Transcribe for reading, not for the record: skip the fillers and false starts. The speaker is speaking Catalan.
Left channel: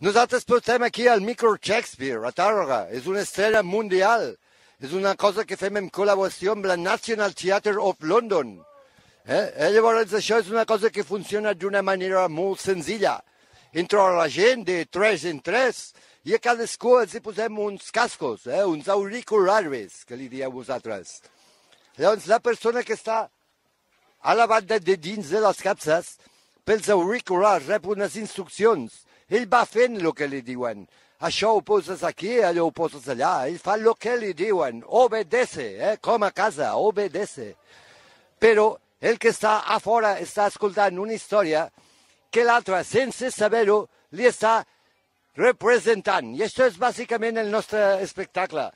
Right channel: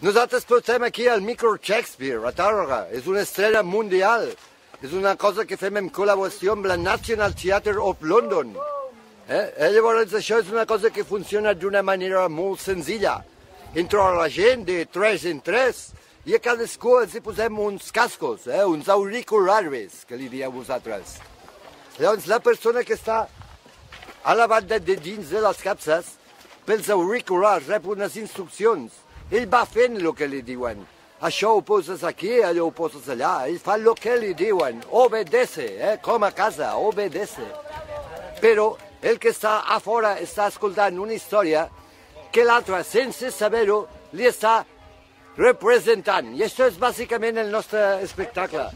Nosaltres portem aquí el Micro Shakespeare, a Tàrrega. És una estrella mundial. És una cosa que fem en col·laboració amb la National Theatre of London. Llavors això és una cosa que funciona d'una manera molt senzilla. Entre la gent de 3 en 3 i a cadascú els hi posem uns cascos, uns auriculars, que li dieu vosaltres. Llavors la persona que està a la banda de dins de les capses, pels auriculars rep unes instruccions. Ell va fent el que li diuen. Això ho poses aquí, allò ho poses allà. Ell fa el que li diuen. Obedece, com a casa, obedece. Però el que està a fora està escoltant una història que l'altre, sense saber-ho, li està representant. I això és bàsicament el nostre espectacle.